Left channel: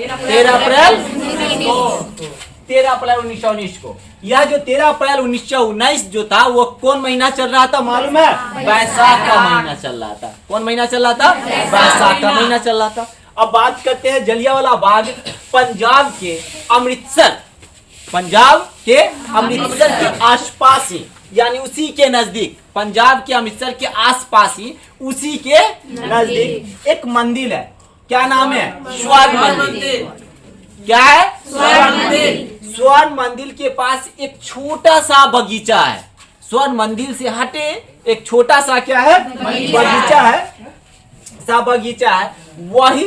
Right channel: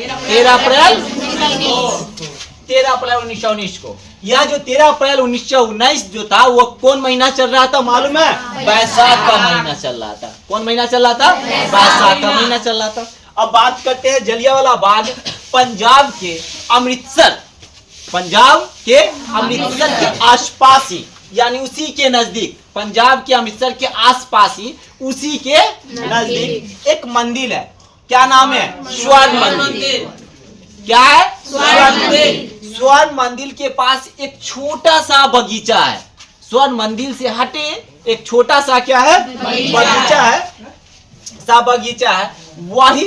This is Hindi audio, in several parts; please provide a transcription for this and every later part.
13 अप्रैल 1919 को। यह जो 13 अप्रैल 1919 जो था वो कौन महीना चल रहा था मालूम है? बैसाख का महीना चल रहा था। कौन महीना चल रहा था? बैसाख का महीना चल रहा था। अब बात करते हैं जलियांवाला बाग पंजाब के अमृतसर के आसपास ही, यानी उसी के नजदीक, पंजाब के अमृतसर के आसपास ही उसी के नजदीक एक मंदिर है। क्या नाम है? स्वर्ण मंदिर। क्या है? स्वर्ण मंदिर। स्वर्ण मंदिर के पास एक छोटा सा बगीचा है। स्वर्ण मंदिर से हटे एक छोटा सा क्या है? बगीचा है। वही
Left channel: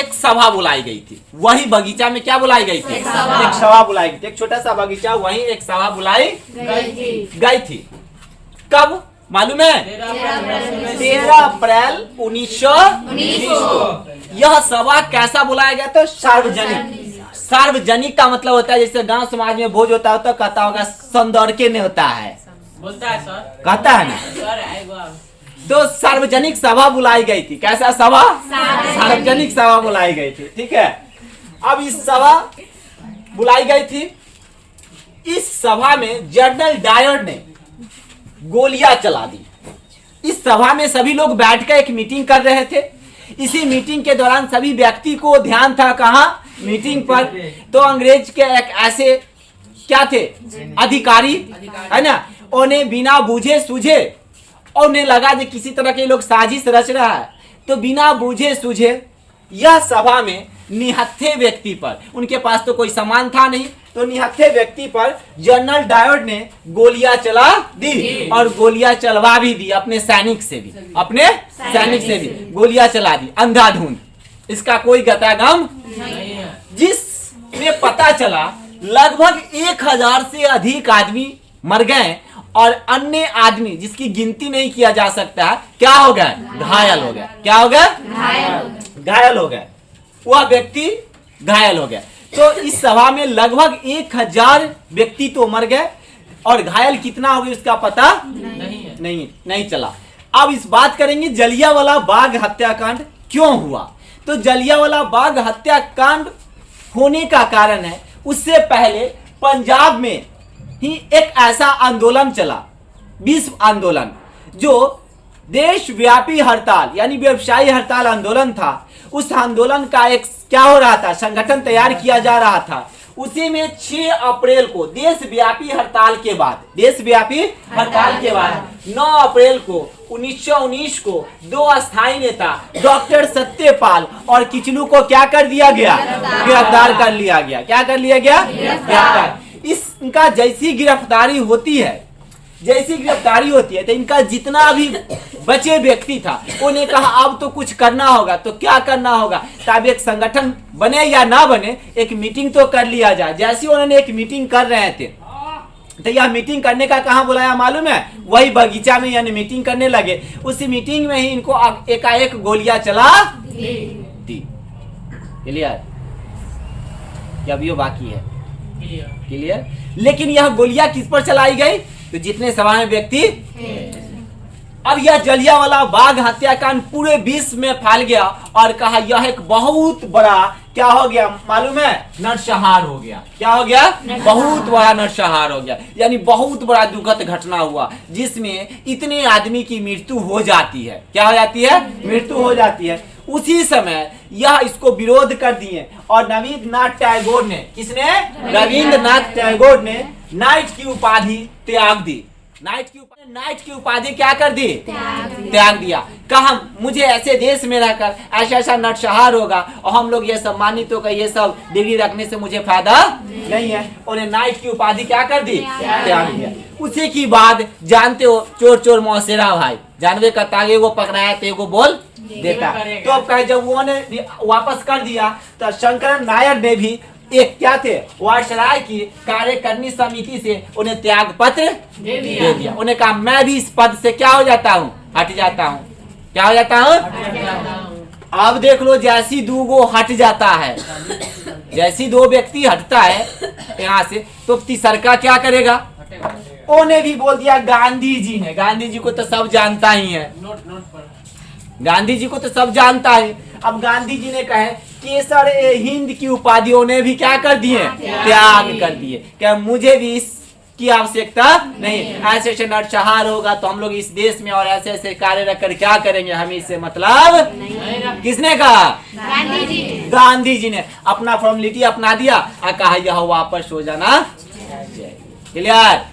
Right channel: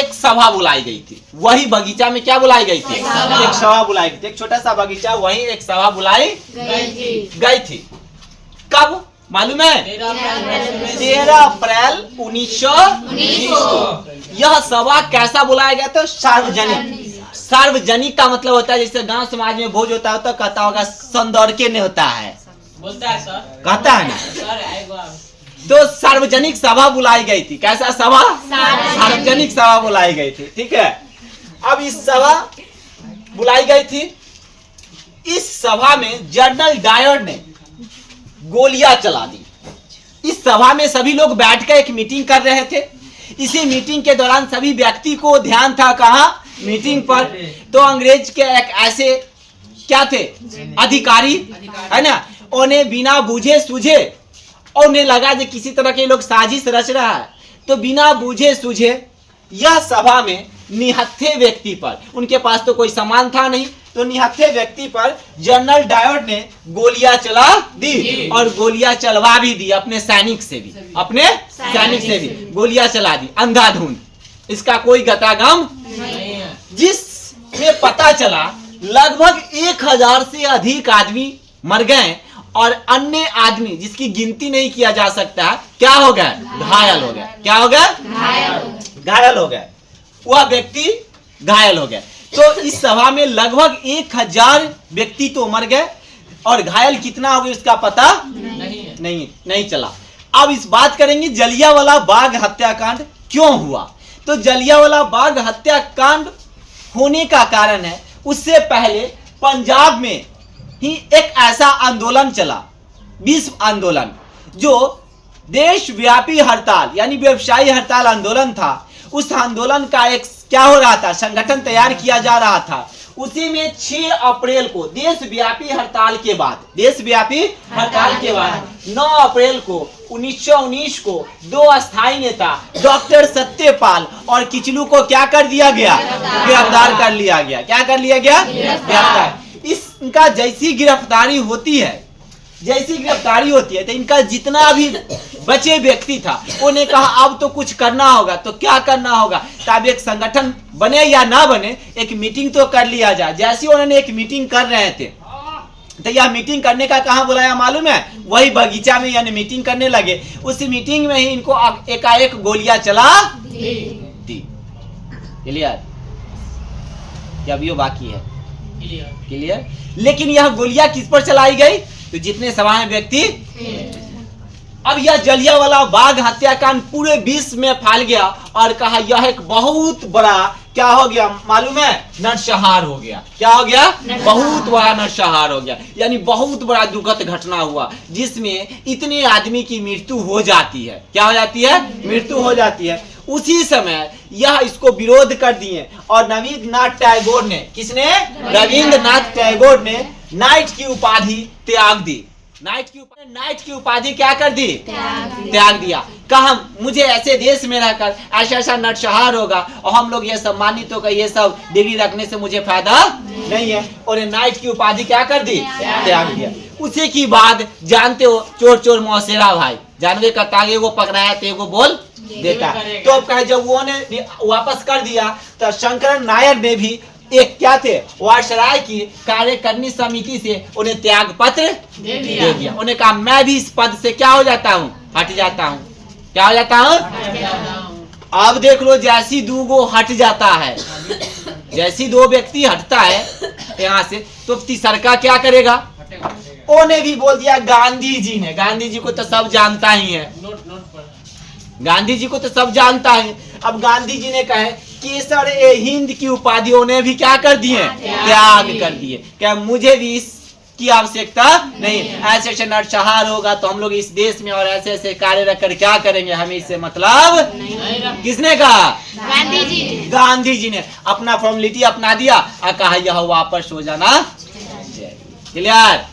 एक सभा बुलाई गई थी। वही बगीचा में क्या बुलाई गई थी? एक सभा बुलाई गई थी। एक छोटा सा बगीचा, वही एक सभा बुलाई गई थी। कब मालूम है? 13 अप्रैल 1919 को। यह सभा कैसा बुलाया गया था? सार्वजनिक का मतलब होता है जैसे गांव समाज में भोज होता है तो कहता होगा सौंदर्य ने होता है, बोलता है सर, कहता है ना। सर तो सार्वजनिक सभा बुलाई गई थी। कैसा सभा? सार्वजनिक सभा बुलाई गई थी। ठीक है। अब इस सभा बुलाई गई थी। इस सभा में जनरल डायर ने गोलियां चला दी। इस सभा में सभी लोग बैठकर एक मीटिंग कर रहे थे। इसी मीटिंग के दौरान सभी व्यक्ति को ध्यान था कहाँ? मीटिंग पर। तो अंग्रेज के एक ऐसे क्या थे? अधिकारी, है ना। उन्हें बिना बूझे सूझे, उन्हें लगा कि किसी तरह के लोग साजिश रच रहा है, तो बिना बूझे सूझे यह सभा में निहत्थे व्यक्ति पर, उनके पास तो कोई सामान था नहीं, तो निहत्थे व्यक्ति पर जनरल डायर ने गोलियां चला दी और गोलियां चलवा भी दी अपने सैनिक से भी गोलियां चला दी अंधाधुंध। इसका कोई गतागम नहीं है। जिसमें पता चला लगभग 1000 से अधिक आदमी मर गए और अन्य आदमी जिसकी गिनती नहीं किया जा सकता है क्या हो गया? घायल हो गया। क्या हो गया? घायल हो गया। वह व्यक्ति घायल हो गया। तो इस सभा में लगभग 1000 व्यक्ति तो मर गए और घायल कितना हो गया उसका पता नहीं चला। अब इस बात करेंगे जलियांवाला बाग हत्याकांड क्यों हुआ। तो जलियांवाला बाग हत्याकांड होने का कारण है, उससे पहले पंजाब में ही एक ऐसा आंदोलन चला, विश्व आंदोलन, जो देशव्यापी हड़ताल यानी व्यवसायी हड़ताल आंदोलन था। उस आंदोलन का एक क्या हो रहा था? संगठन तैयार किया जा रहा था। उसी में 6 अप्रैल को देशव्यापी हड़ताल के बाद 9 अप्रैल को 1919 को 2 अस्थायी नेता डॉक्टर सत्यपाल और किचलू को क्या कर दिया गया? गिरफ्तार कर लिया गया। क्या कर लिया गया? गिरफ्तार। इनका जैसी गिरफ्तारी होती है तो इनका जितना भी बचे व्यक्ति था उन्हें कहा अब तो कुछ करना होगा। तो क्या करना होगा? तब एक संगठन बने या ना बने, एक मीटिंग तो कर लिया जाए। जैसे उन्होंने एक मीटिंग कर रहे थे तो यह मीटिंग करने का कहाँ बुलाया मालूम है? वही बगीचा में, यानी मीटिंग करने लगे। उसी मीटिंग में ही इनको एकाएक गोलियां चला दी। क्लियर? क्या अभी बाकी है? क्लियर? लेकिन यह गोलियां किस पर चलाई गई? तो जितने सभा में व्यक्ति। अब यह जलियांवाला बाग हत्याकांड पूरे विश्व में फैल गया और कहा यह एक बहुत बड़ा क्या हो गया मालूम है? नरसंहार हो गया। क्या हो गया? बहुत बड़ा नरसंहार हो गया, यानी बहुत बड़ा दुखद घटना हुआ जिसमें इतने आदमी की मृत्यु हो जाती है। क्या हो जाती है? मृत्यु हो जाती है। उसी समय यह इसको विरोध कर दिए और रविंद्रनाथ टैगोर ने, किसने? रविंद्रनाथ टैगोर ने नाइट की उपाधि त्याग दी। नाइट की उपाधि क्या कर दी? त्याग दिया। कहा मुझे ऐसे देश में रहकर ऐसा नरसंहार होगा और हम लोग ये सम्मानित होकर ये सब डिग्री रखने से मुझे फायदा नहीं है, और नाइट की उपाधि क्या कर दी? त्याग दिया। उसी की बाद जानते हो चोर मौसेरा भाई, जानवे का तागे वो पकड़ाया तो वो बोल देता। तो अब कहे जब वो ने वापस कर दिया तो शंकर नायर ने भी एक क्या थे? वायसराय की कार्यकारिणी समिति से उन्हें त्याग पत्र दे दिया। उन्हें कहा मैं भी इस पद से क्या हो जाता हूँ? हट जाता हूँ। क्या हो जाता हूँ? अब देख लो, जैसी 2 गो हट जाता है, जैसी 2 व्यक्ति हटता है यहाँ से, तो तीसरा क्या करेगा? उन्हें भी बोल दिया गांधी जी ने। गांधी जी को तो सब जानता ही है, गांधी जी को तो सब जानता है। अब गांधी जी ने कहे केसर ए हिंद की उपाधियों ने भी क्या कर दिए, त्याग कर दिए। क्या मुझे भी इसकी आवश्यकता नहीं, ऐसे ऐसे नरसंहार होगा तो हम लोग इस देश में और ऐसे ऐसे कार्य रखकर क्या करेंगे, हमें इससे मतलब किसने कहा, गांधी जी ने अपना फॉर्मेलिटी अपना दिया और कहा यह वापस हो जाना चाहिए। क्लियर।